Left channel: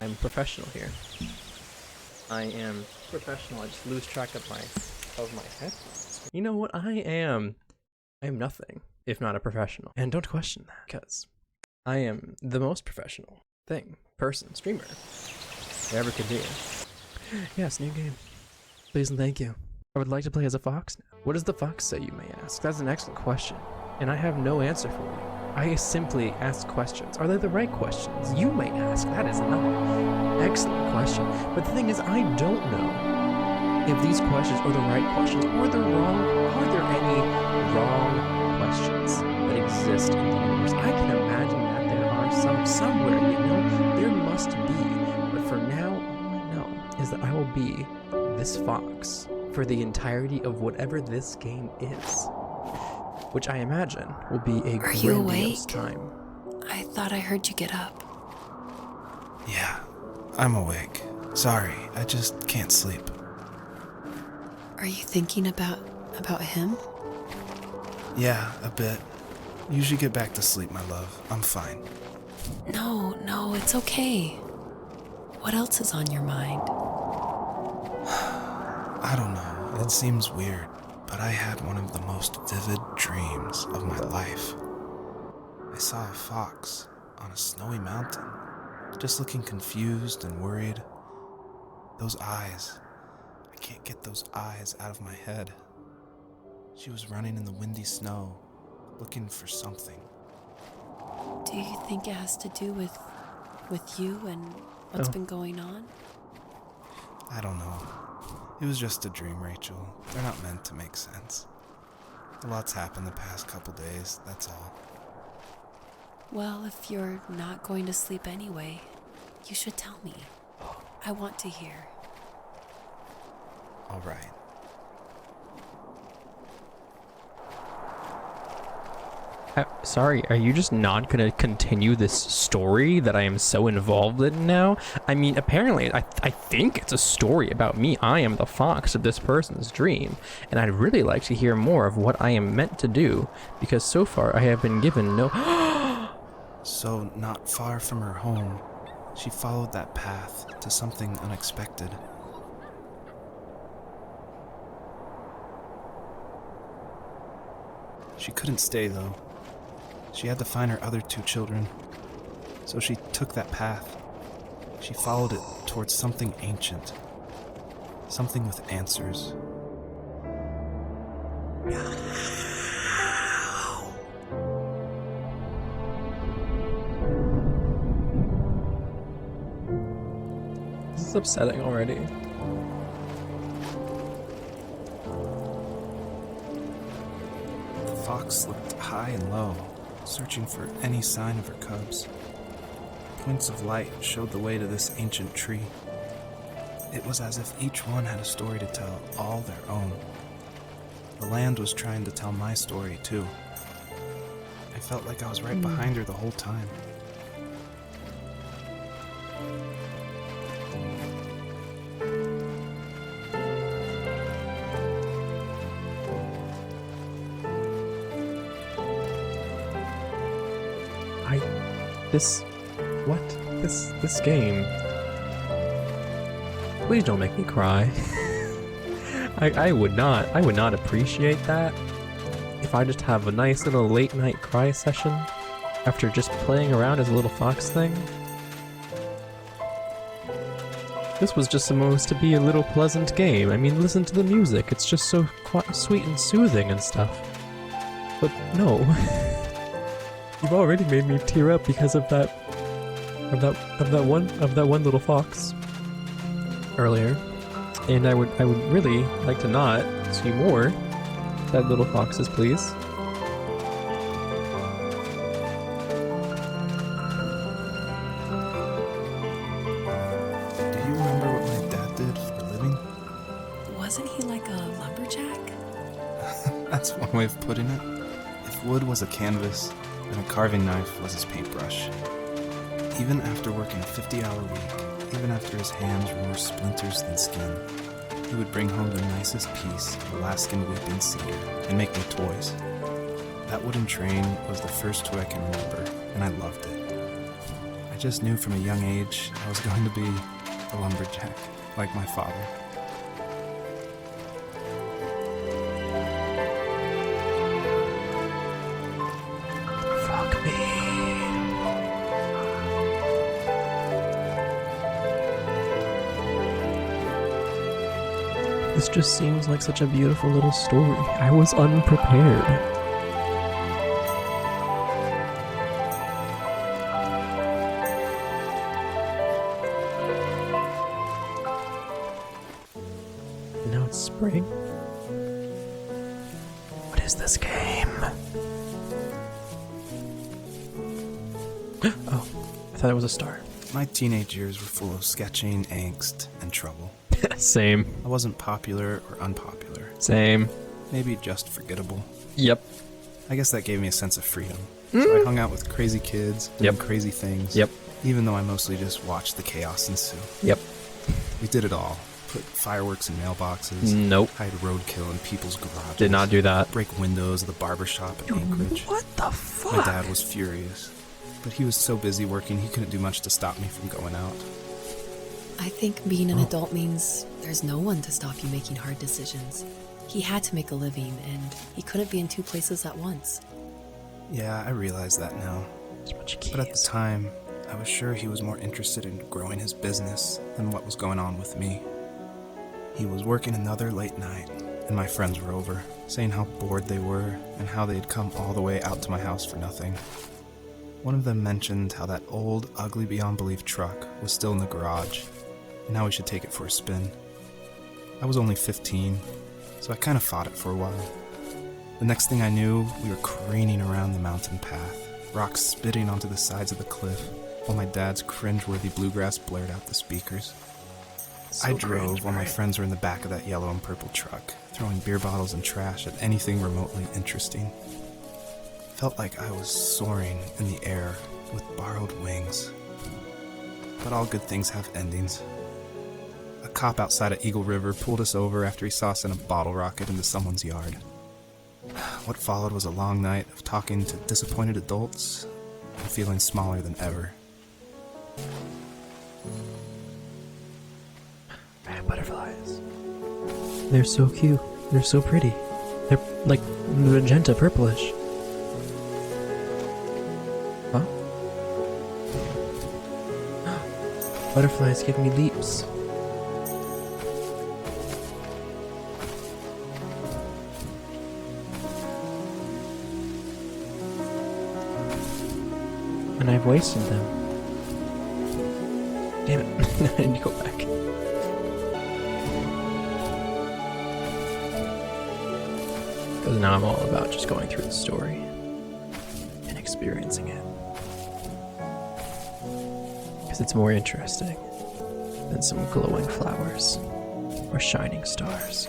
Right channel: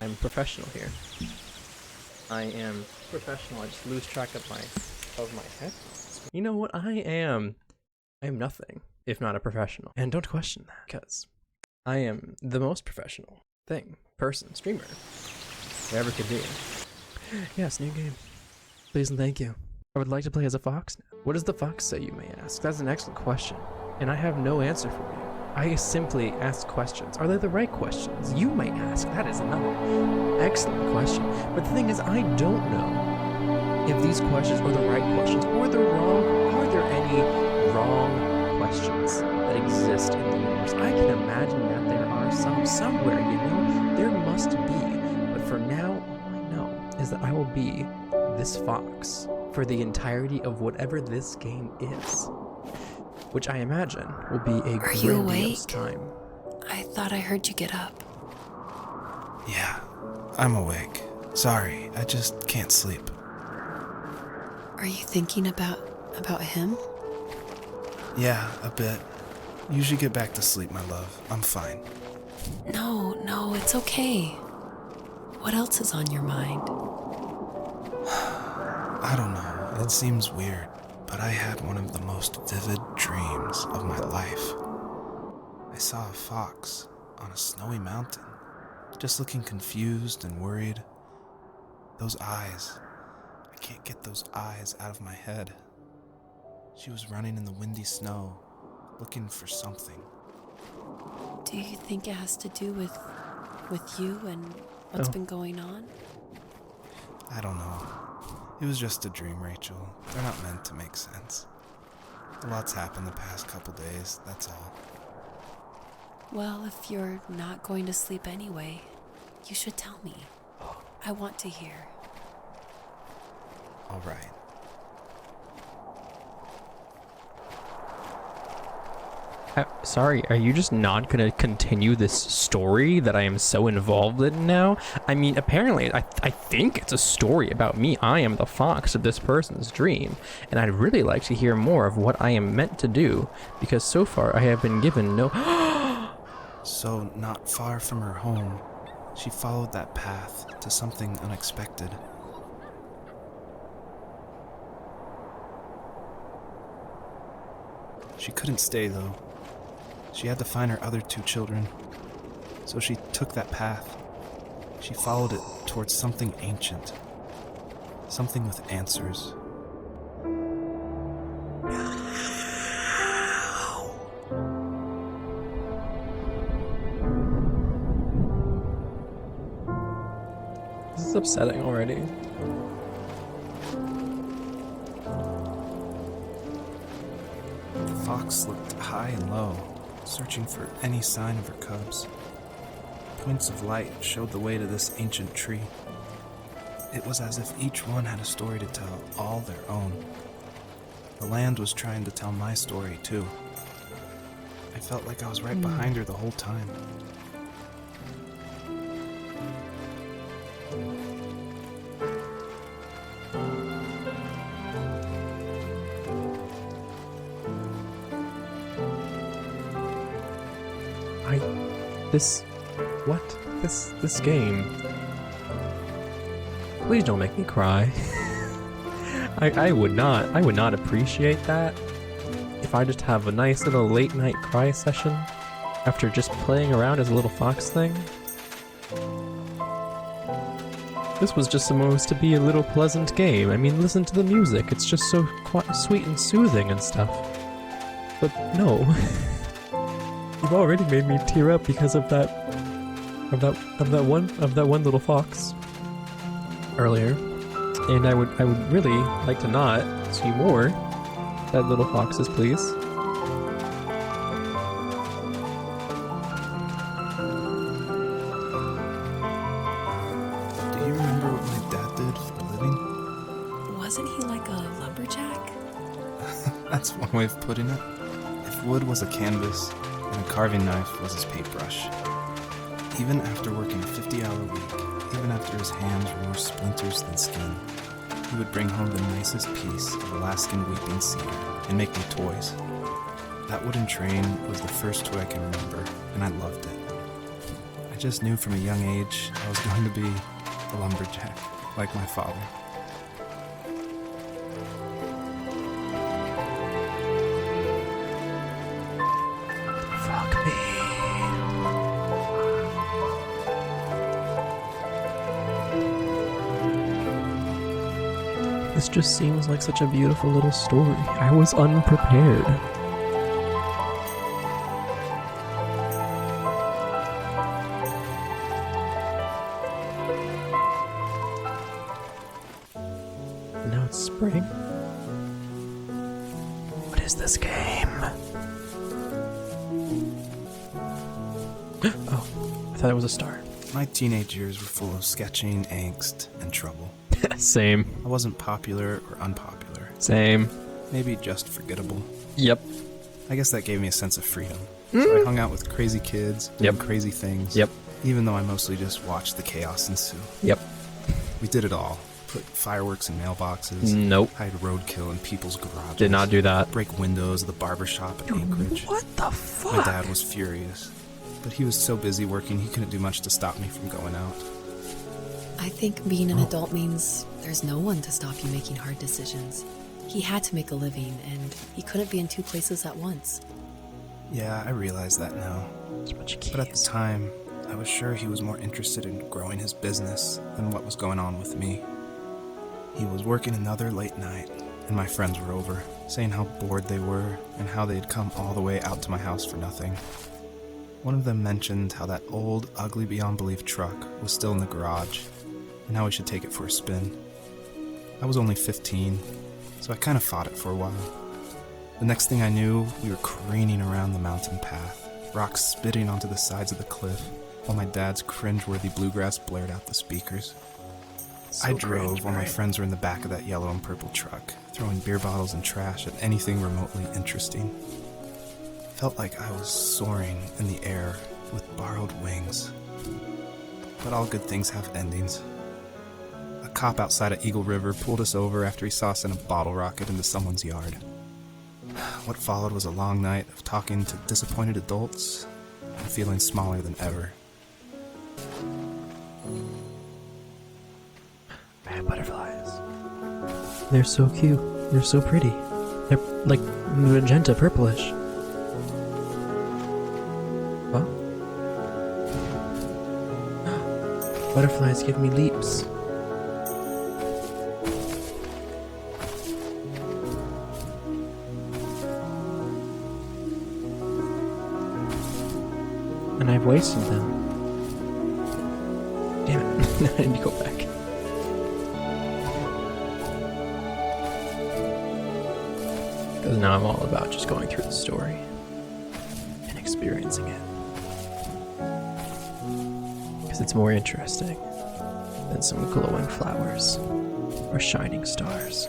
I'm professional here. I am professional. I just lose track of my headphones. You know what? I am nothing if not a professional. And don't question that, because I am the most professional streamer there ever could be. Yes, new game. Please and thank you. I would like to play as a fox now. What does the fox say, you may ask? That's an excellent question, and I have no answer for you. I simply ask questions. Are they the right questions? You may ask. That is another excellent question. But the thing is, I don't know if these questions are the right questions or they're wrong. Are there any wrong questions that exist in the universe? I can imagine that there are somewhere, you know? There must be. But for now, all I know is that I will be this fox for the entirety of whatever this game is, which I imagine will be a grandiose time. I thought I heard you get up. Yeah, I'm awake. Sorry, I just can't sleep. Are you thinking about him? Yeah, a bit. You should get back to sleep, my love. I'm fine. No, it's okay. What else is on your mind? I don't know. It seems weird, but I had one of the most vivid dreams of my life. I saw a fox on a snowy mountain, just looking confused and worried. Those eyes. I can't get those eyes out of my head. She was running in the windy snow, looking for something. Do you think it has to do with you and what's been going on? I don't know. It was just a dream, Rachel. They're not meant to make sense. A lot's happened the past couple days, that's all. Well, if you're not going to sleep anyway, you should tell me. I want to hear. All right. Sorry, are you just not gonna continue this story that I am so involved in now? I mean, apparently, I think it's a story about me. I am the fox of this person's dream, and I'd really like to hear more of what I am meant to do, because so far I have been given no... So, not far from her home, she followed that path to something unexpected. She couldn't stay, though. She had to find her other 2 children. So she took that path. She followed it towards something ancient. Something with answers. This is upsetting already. The fox looked high and low, searching for any sign of her cubs. Points of light showed the way to this ancient tree. It was as if each one had a story to tell, all their own. The land was trying to tell my story, too. I felt like I was right behind her the whole time. This game. Please don't make me cry. I would not appreciate that if I just have a nice little late night cry session after just playing around as a little fox thing. This was just supposed to be a little pleasant game. I mean, listen to the music. It's just so sweet and soothing and stuff. But no. You've already made me tear up because of that one little fox earlier, and I would really like to not see more that little foxes, please. Do you remember what my dad did for a living? Wasn't he like a lumberjack? That's one way of putting it. If wood was a canvas, and a carving knife was his paintbrush. Even after working a 50-hour week, even after his hands were more splinters than skin, he would bring home the nicest piece of Alaskan weeping cedar and make me toys. That wooden train was the first toy I can remember, and I loved it. just knew from a young age I was going to be a lumberjack, like my father. Fuck me. This just seems like such a beautiful little story. I was unprepared. Now it's spring. What is this game? Oh, I thought it was a star. My teenage years were full of sketching, angst, and trouble. Same. I wasn't popular or unpopular. Same. Maybe just forgettable. Yep. I guess that gave me a sense of freedom. So I hung out with crazy kids, doing Yep. crazy things. Yep. Even though I mostly just watched the chaos ensue. Yep. We did it all. Put fireworks in mailboxes. Nope. I would roadkill in people's garages. Did not do that. Break windows of the barbershop in Anchorage. What the fuck? My dad was furious. But he was so busy working, he couldn't do much to stop me from going out. I think being an adult means there's no one to stop you making hard decisions. He had to make a living, and he couldn't be in two places at once. Yeah, I realize that now. There's a bunch of But at the keys. time, I was sure he was more interested in growing his business than what was going on with me. He was working another late night, and my friends were over, saying how bored they were and how they'd come all the way out to my house for nothing. One of them mentioned how that old, ugly beyond belief truck was still in the garage, and how we should take it for a spin. I was only 15, so I kind of fought it for a while. The next thing I knew, we were craning around the mountain path, rocks spitting onto the sides of the cliff, while my dad's cringeworthy bluegrass blared out the speakers. I drove while my friends were in the back of that yellow and purple truck, throwing beer bottles and trash at anything remotely interesting. Felt like I was soaring in the air with borrowed wings. But all good things have endings. A cop outside of Eagle River pulled us over after he saw us in a bottle rocket into someone's yard. What followed was a long night of talking to disappointed adults and feeling smaller than ever. Butterflies. They're so cute. They're so pretty. They're like magenta purplish. Huh? Butterflies give me leaps. And I've wasted them. Damn it. I need to go back. Because now I'm all about just going through the story and experiencing it. Because it's more interesting than some glowing flowers or shining stars.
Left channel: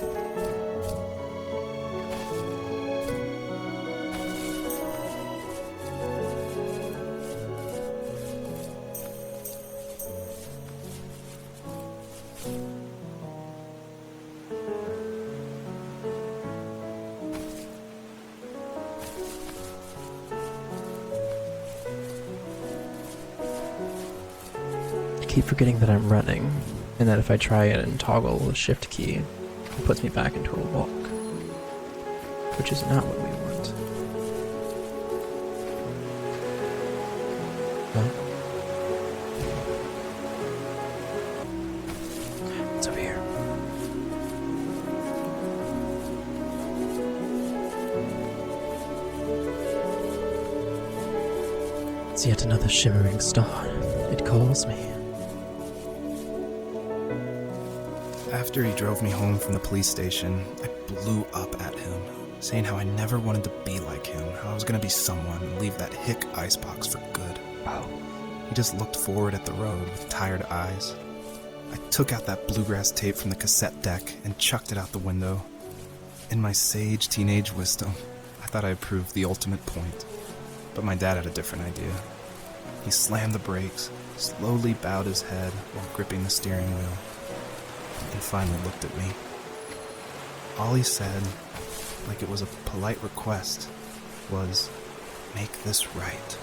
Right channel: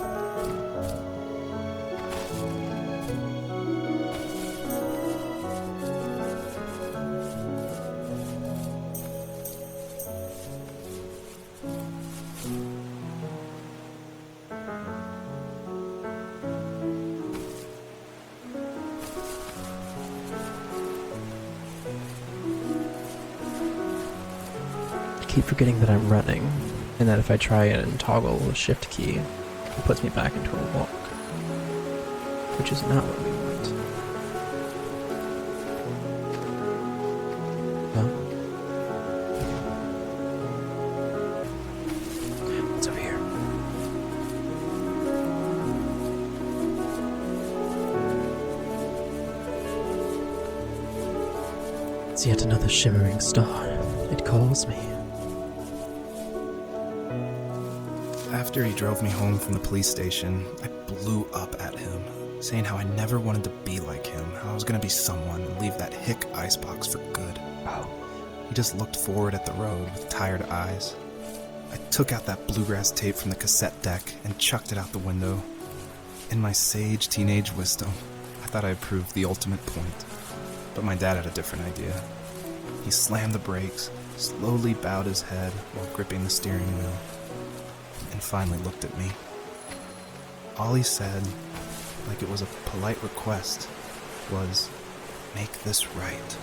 I keep forgetting that I'm running, and that if I try and toggle the shift key, it puts me back into a walk. Which is not what I want. What's over here? It's yet another shimmering star. It calls me. After he drove me home from the police station, I blew up at him, saying how I never wanted to be like him, how I was gonna be someone and leave that hick icebox for good. He just looked forward at the road with tired eyes. I took out that bluegrass tape from the cassette deck and chucked it out the window. In my sage teenage wisdom, I thought I proved the ultimate point. But my dad had a different idea. He slammed the brakes, slowly bowed his head, gripping the steering wheel, and finally looked at me. All he said, like it was a polite request, was, "Make this right."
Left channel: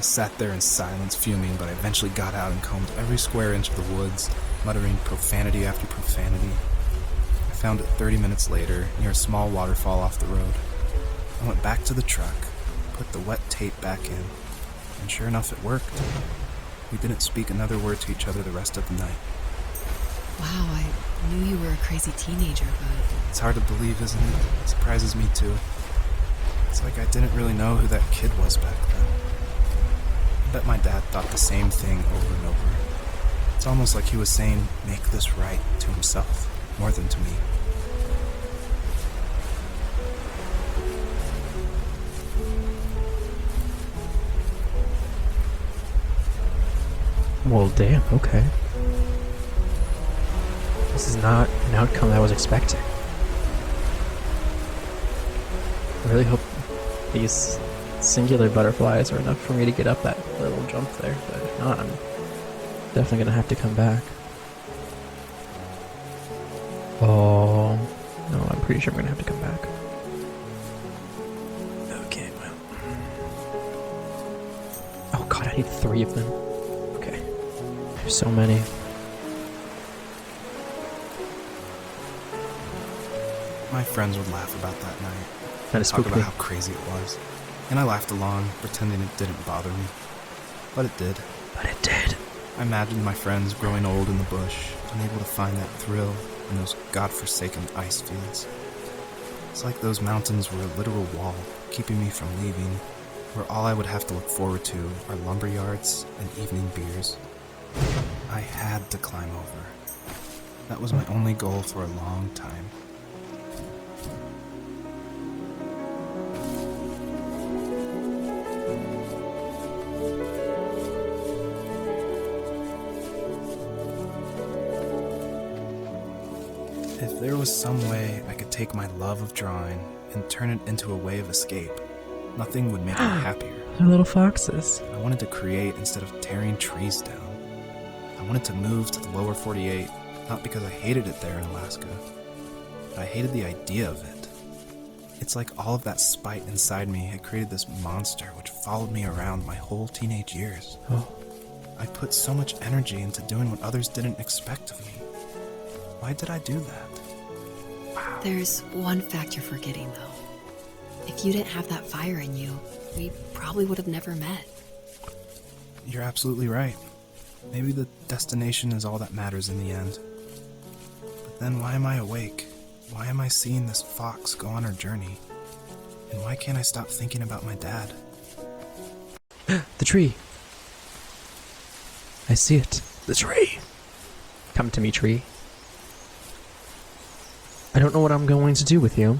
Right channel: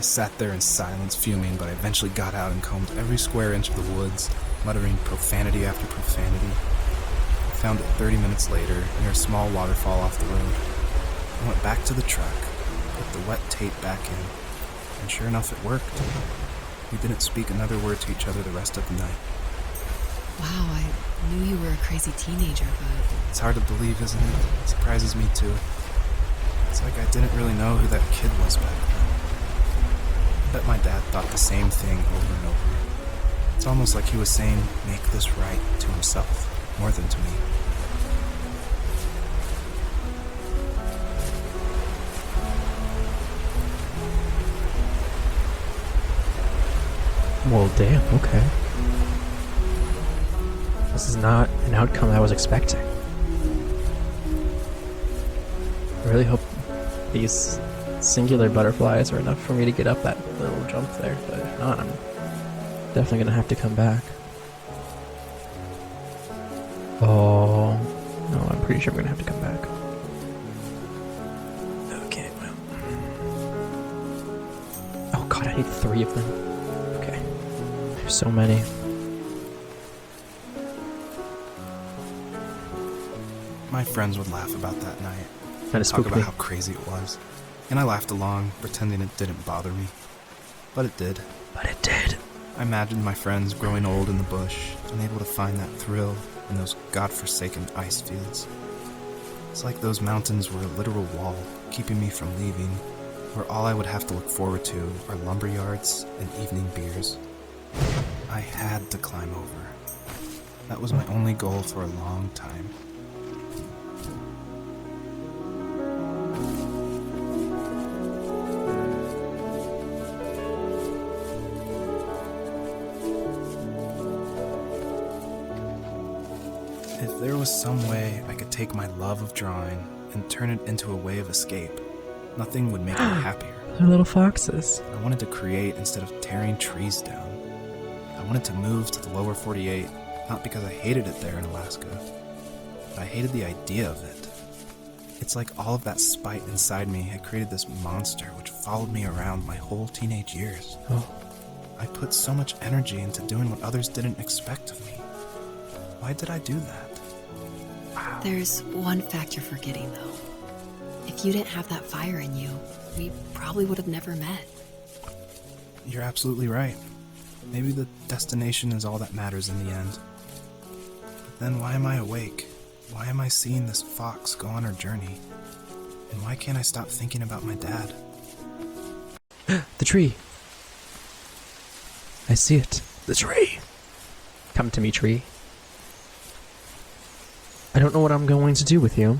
I sat there in silence, fuming, but I eventually got out and combed every square inch of the woods, muttering profanity after profanity. I found it 30 minutes later, near a small waterfall off the road. I went back to the truck, put the wet tape back in, and sure enough, it worked. We didn't speak another word to each other the rest of the night. Wow, I knew you were a crazy teenager, but It's hard to believe, isn't it? It surprises me too. It's like I didn't really know who that kid was back then. I bet my dad thought the same thing over and over. It's almost like he was saying, make this right to himself, more than to me. Well, damn, okay. This is not an outcome I was expecting. I really hope these singular butterflies are enough for me to get up that little jump there, but if not, I'm definitely gonna have to come back. Oh, no, I'm pretty sure I'm gonna have to come back. Okay, well. Oh god, I need 3 of them. Okay. There's so many. My friends would laugh about that night. And it's Talk about how crazy it was. And I laughed along, pretending it didn't bother me. But it did. But it did. I imagined my friends growing old in the bush, unable to find that thrill in those godforsaken ice fields. It's like those mountains were a literal wall, keeping me from leaving, where all I would have to look forward to are lumber yards and evening beers. I had to climb over. That was my only goal for a long time. If there was some way I could take my love of drawing and turn it into a way of escape, nothing would make me happier. They're little foxes. I wanted to create instead of tearing trees down. I wanted to move to the lower 48, not because I hated it there in Alaska, but I hated the idea of it. It's like all of that spite inside me had created this monster which followed me around my whole teenage years. I put so much energy into doing what others didn't expect of me. Why did I do that? there's one fact you're forgetting, though. If you didn't have that fire in you, we probably would have never met. You're absolutely right. Maybe the destination is all that matters in the end. But then why am I awake? Why am I seeing this fox go on her journey? And why can't I stop thinking about my dad? The tree. I see it. The tree. Come to me, tree. I don't know what I'm going to do with you,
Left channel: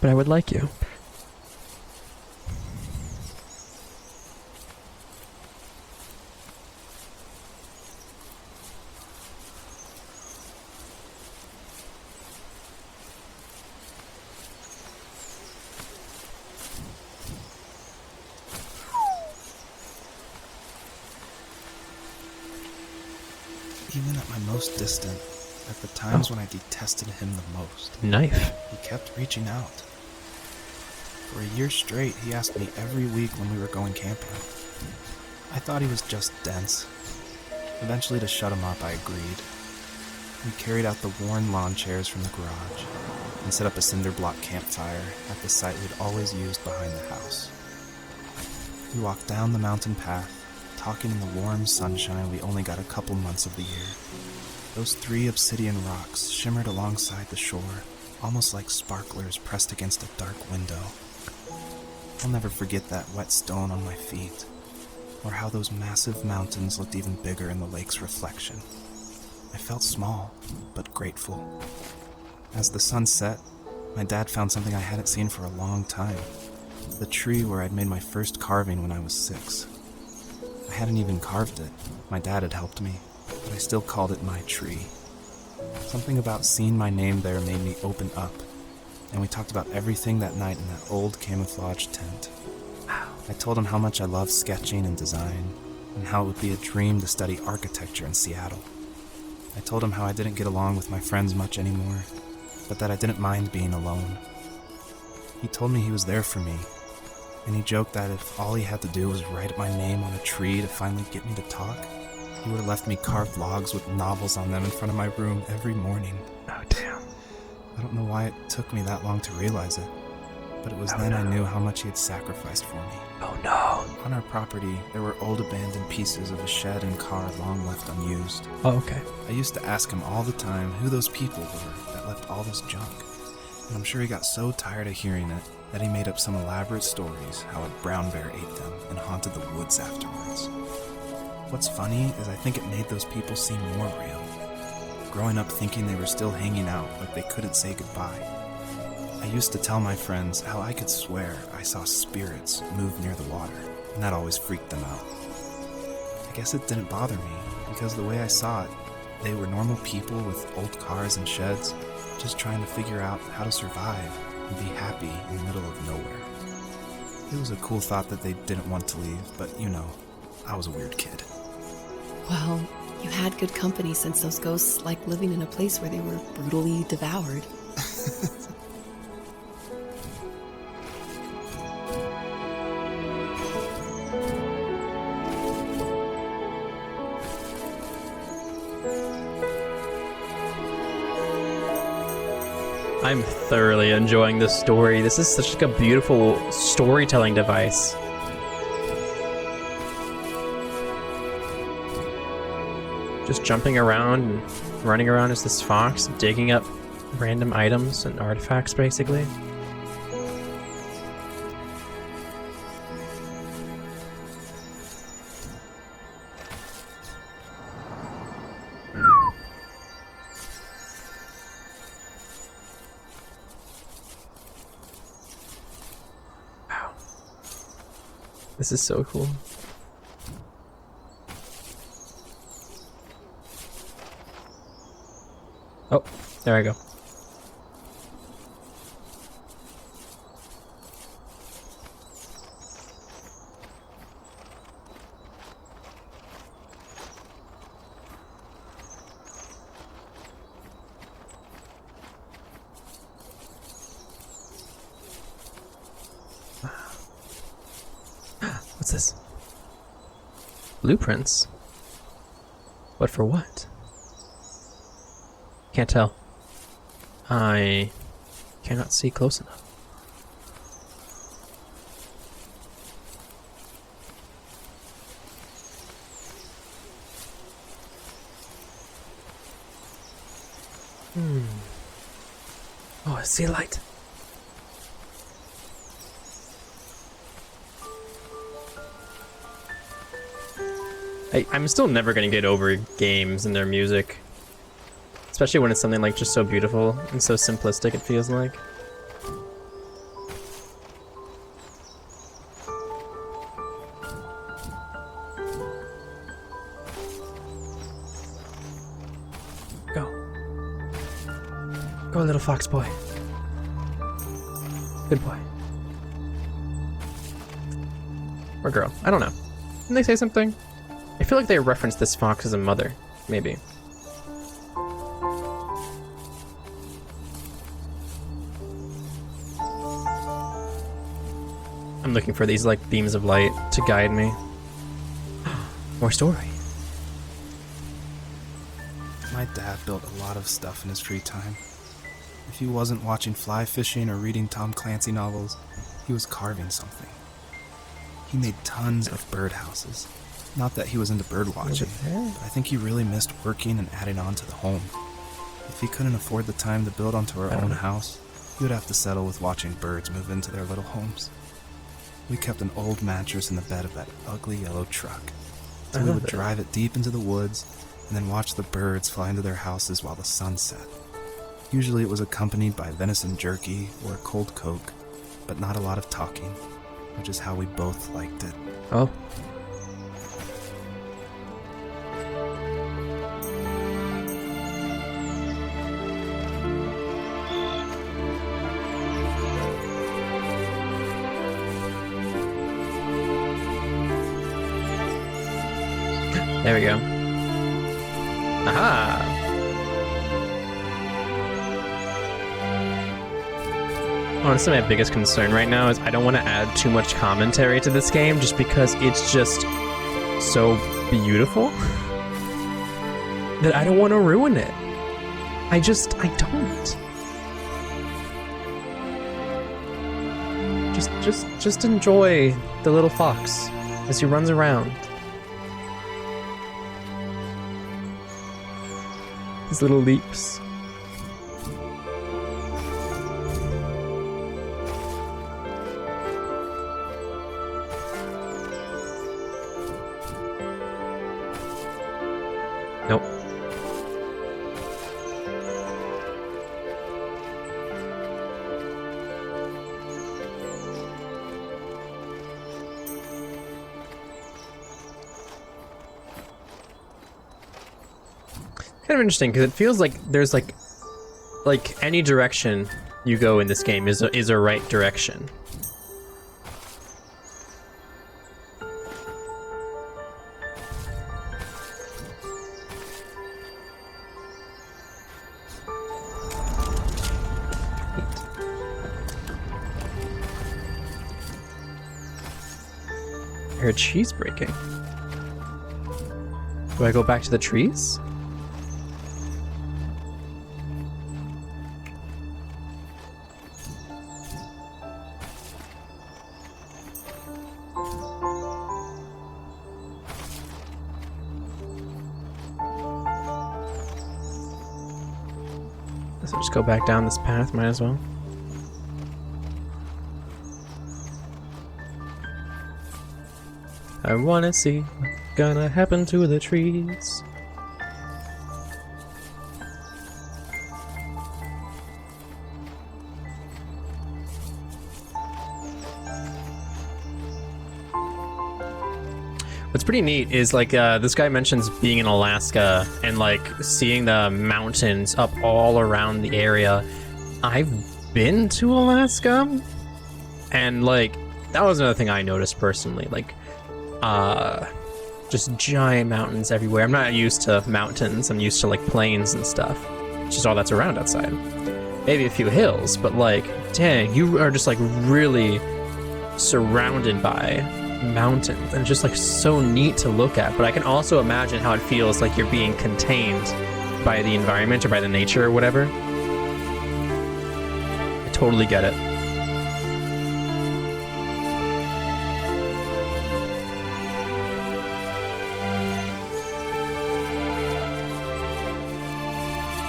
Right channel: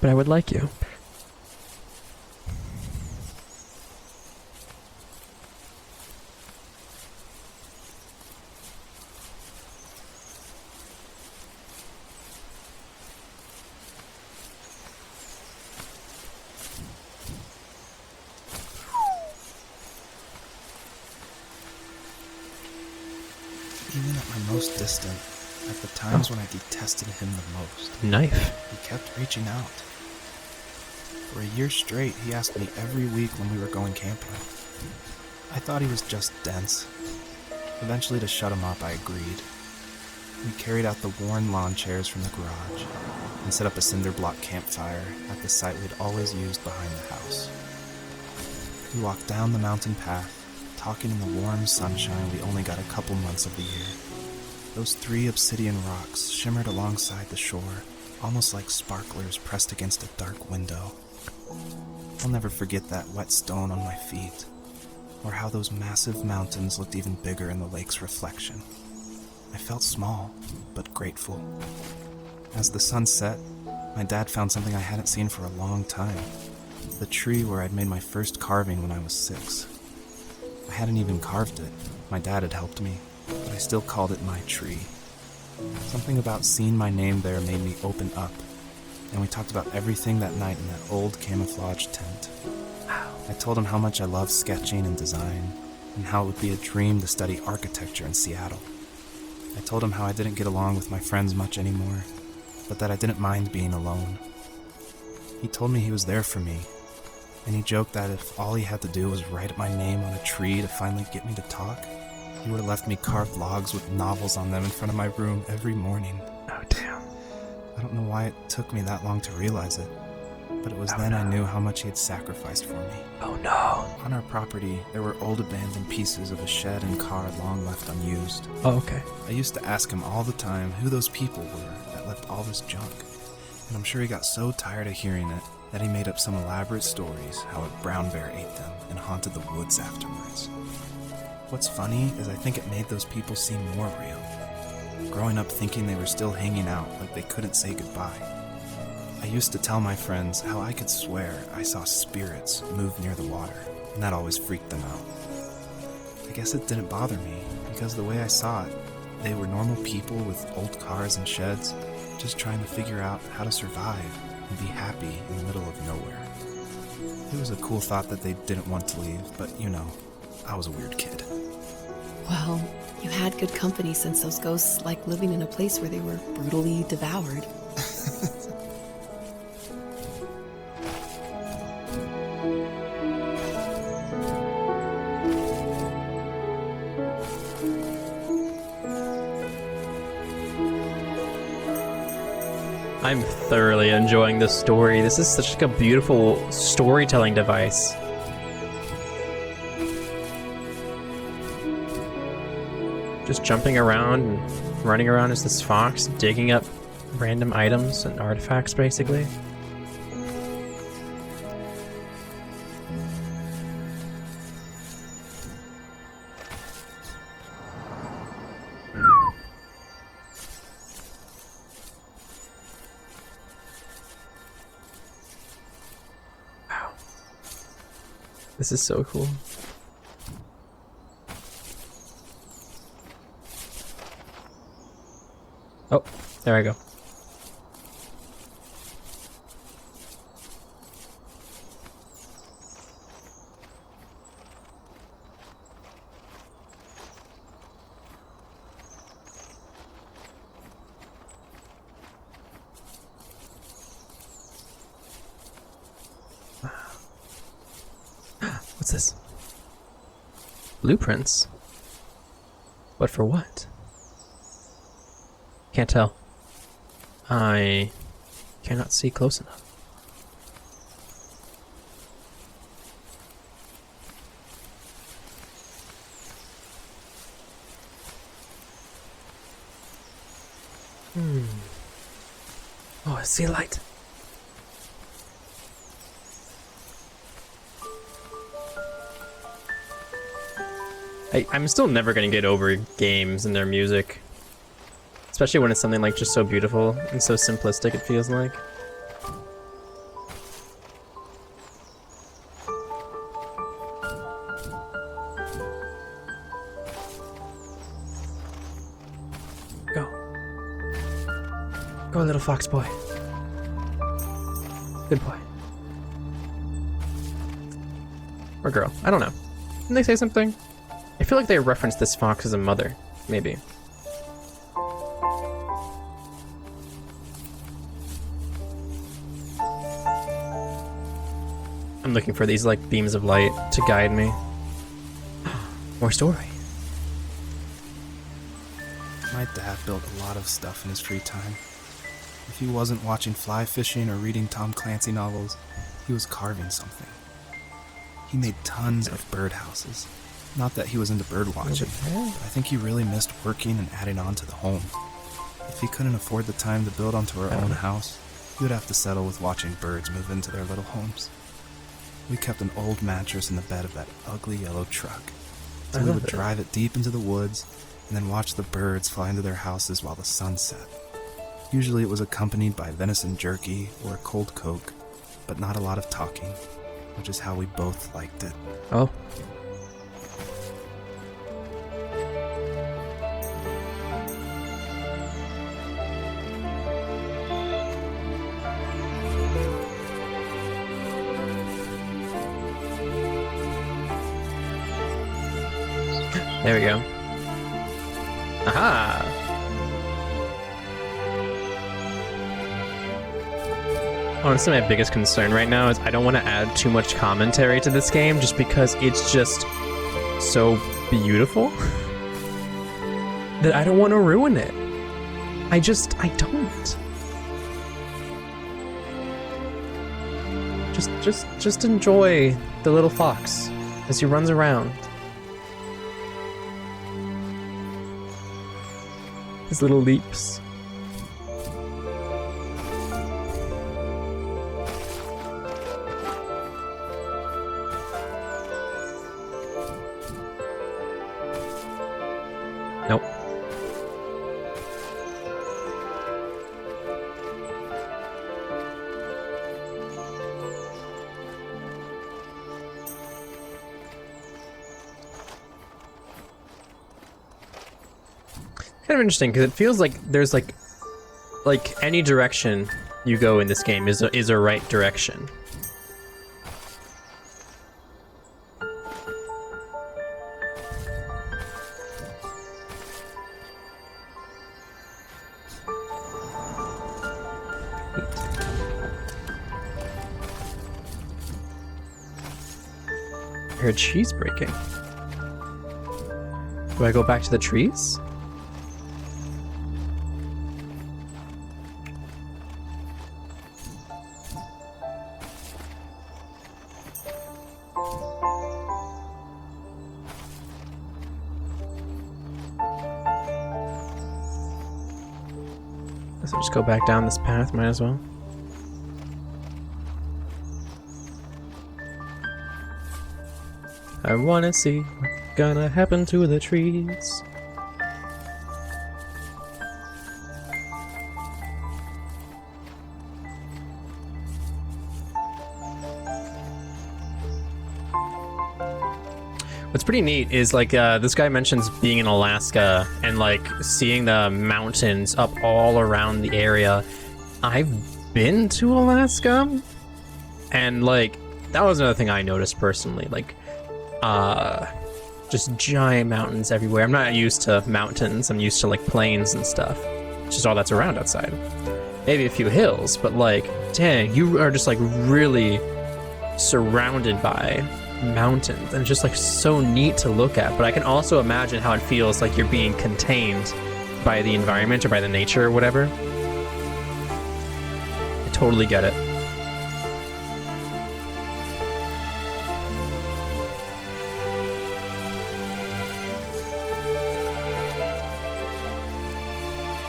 but I would like you. Even at the most distant, at the times when I detested him the most, Knife. he kept reaching out. For a year straight, he asked me every week when we were going camping. I thought he was just dense. Eventually, to shut him up, I agreed. We carried out the worn lawn chairs from the garage and set up a cinder block campfire at the site we'd always used behind the house. We walked down the mountain path, talking in the warm sunshine we only got a couple months of the year. Those 3 obsidian rocks shimmered alongside the shore, almost like sparklers pressed against a dark window. I'll never forget that wet stone on my feet, or how those massive mountains looked even bigger in the lake's reflection. I felt small, but grateful. As the sun set, my dad found something I hadn't seen for a long time. The tree where I'd made my first carving when I was 6. I hadn't even carved it. My dad had helped me, but I still called it my tree. Something about seeing my name there made me open up, and we talked about everything that night in that old camouflage tent. I told him how much I love sketching and design, and how it would be a dream to study architecture in Seattle. I told him how I didn't get along with my friends much anymore, but that I didn't mind being alone. He told me he was there for me, And he joked that if all he had to do was write my name on a tree to finally get me to talk, he would have left me carved logs with novels on them in front of my room every morning. Oh, damn. I don't know why it took me that long to realize it, but it was then I knew how much he had sacrificed for me. Oh, no. On our property, there were old abandoned pieces of a shed and car long left unused. Oh, okay. I used to ask him all the time who those people were that left all this junk. And I'm sure he got so tired of hearing it that he made up some elaborate stories how a brown bear ate them and haunted the woods afterwards. What's funny is I think it made those people seem more real. Growing up thinking they were still hanging out like they couldn't say goodbye. I used to tell my friends how I could swear I saw spirits move near the water, and that always freaked them out. I guess it didn't bother me, because the way I saw it, they were normal people with old cars and sheds, just trying to figure out how to survive and be happy in the middle of nowhere. It was a cool thought that they didn't want to leave, but you know, I was a weird kid. Well, you had good company since those ghosts like living in a place where they were brutally devoured. I'm thoroughly enjoying this story. This is such a beautiful storytelling device. Just jumping around and running around as this fox, digging up random items and artifacts, basically. This is so cool. Oh, there I go. What's this? Blueprints? But for what? Can't tell. I cannot see close enough. Oh, I see like... I'm still never gonna get over games and their music. Especially when it's something like just so beautiful and so simplistic, it feels like. Go. Go, little fox boy. Good boy. Or girl. I don't know. Didn't they say something? I feel like they referenced this fox as a mother, maybe. I'm looking for these, like, beams of light to guide me. More story. My dad built a lot of stuff in his free time. If he wasn't watching fly fishing or reading Tom Clancy novels, he was carving something. He made tons of birdhouses. Not that he was into bird watching. I think he really missed working and adding on to the home. If he couldn't afford the time to build onto our own house, he would have to settle with watching birds move into their little homes. We kept an old mattress in the bed of that ugly yellow truck. So we would drive it deep into the woods and then watch the birds fly into their houses while the sun set. Usually it was accompanied by venison jerky or a cold Coke, but not a lot of talking, which is how we both liked it. Oh. There we go. Aha! Honestly, my biggest concern right now is I don't want to add too much commentary to this game just because it's just so beautiful that I don't want to ruin it. I don't. Just enjoy the little fox as he runs around. His little leaps. Nope. Kind of interesting because it feels like there's like any direction you go in this game is a right direction. I heard trees breaking. Do I go back to the trees? Guess I'll just go back down this path, might as well. I wanna see what's gonna happen to the trees. What's pretty neat is like this guy mentions being in Alaska and like seeing the mountains up all around the area. I've been to Alaska, and like that was another thing I noticed personally. Like, just giant mountains everywhere. I'm not used to mountains. I'm used to like plains and stuff. It's just all that's around outside. Maybe a few hills, but like, dang, you are just like really surrounded by mountains, and it's just like so neat to look at. But I can also imagine how it feels like you're being contained by the environment or by the nature or whatever. I totally get it.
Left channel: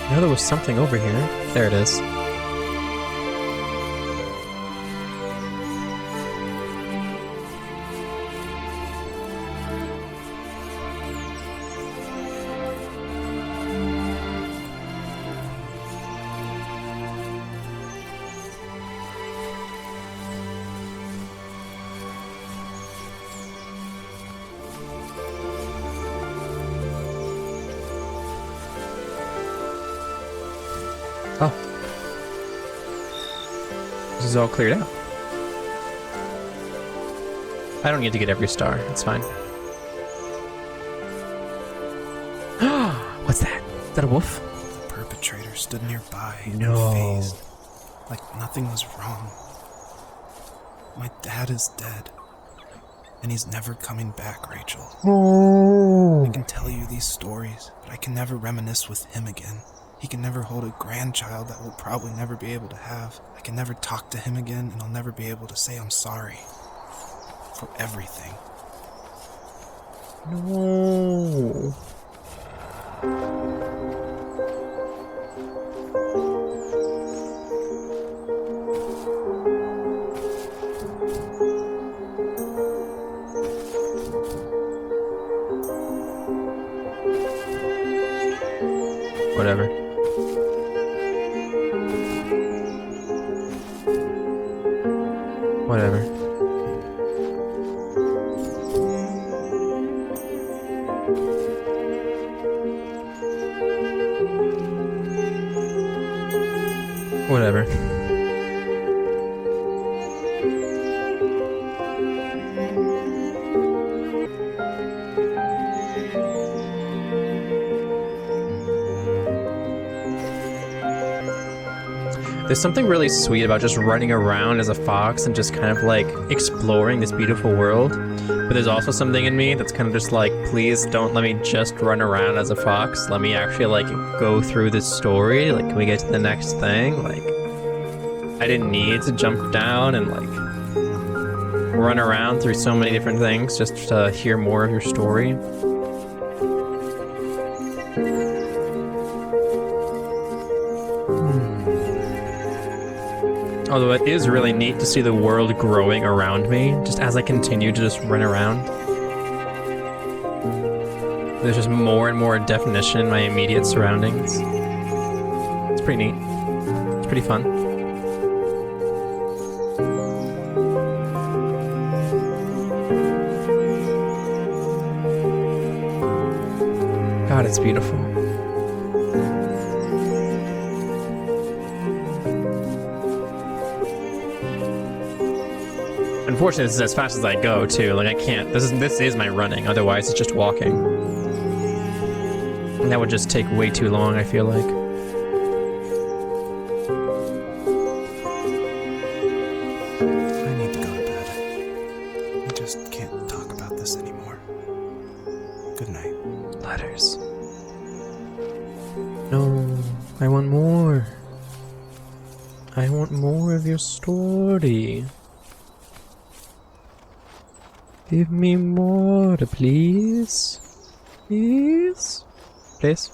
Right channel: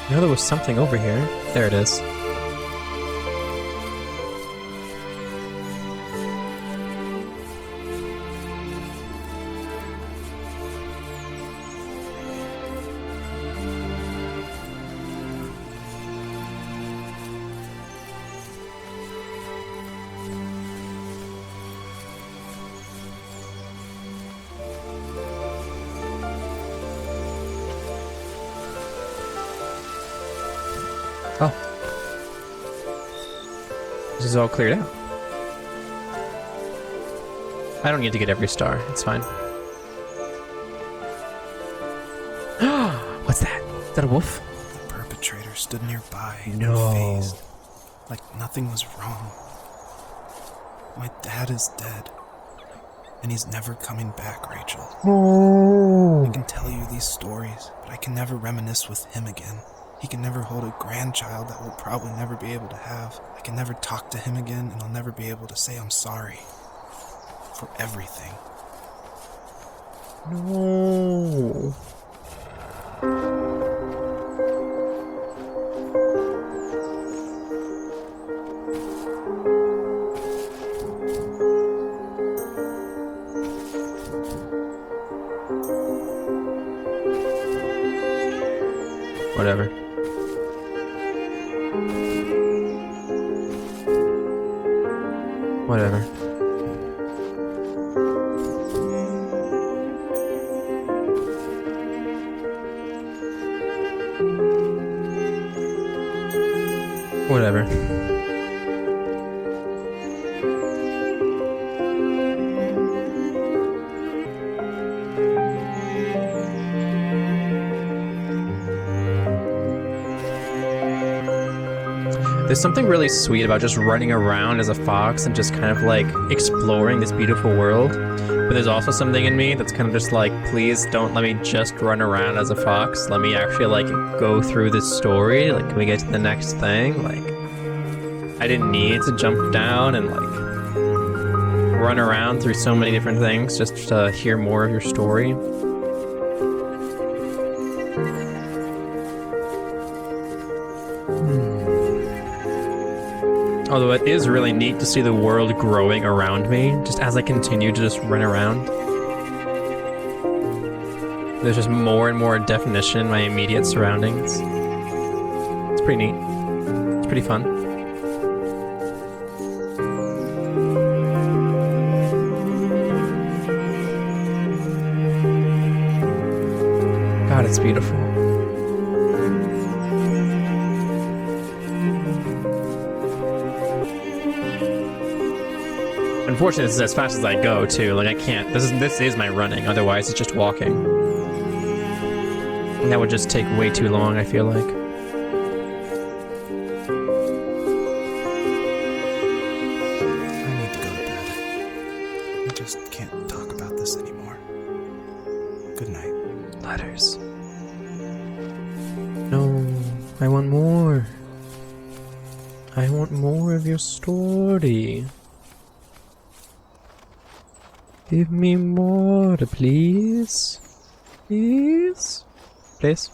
I know there was something over here. There it is. Oh. This is all cleared out. I don't need to get every star. It's fine. What's that? Is that a wolf? The perpetrator stood nearby, No. unfazed, like nothing was wrong. My dad is dead, and he's never coming back, Rachel. Oh. I can tell you these stories, but I can never reminisce with him again. He can never hold a grandchild that we'll probably never be able to have. I can never talk to him again, and I'll never be able to say I'm sorry for everything. No. Whatever. Whatever. Whatever. There's something really sweet about just running around as a fox and just kind of like exploring this beautiful world. But there's also something in me that's kind of just like, please don't let me just run around as a fox. Let me actually like go through this story. Like, can we go to the next thing? Like, I didn't need to jump down and like run around through so many different things just to hear more of your story. Although it is really neat to see the world growing around me, just as I continue to just run around. There's just more and more definition in my immediate surroundings. It's pretty neat. It's pretty fun. God, it's beautiful. Unfortunately, this is as fast as I go, too. Like, I can't. This is my running. Otherwise, it's just walking. And that would just take way too long, I feel like. I need to go to bed. I just can't talk about this anymore. Good night. Letters. No. I want more. I want more of your story. Give me more, please. Please? Please?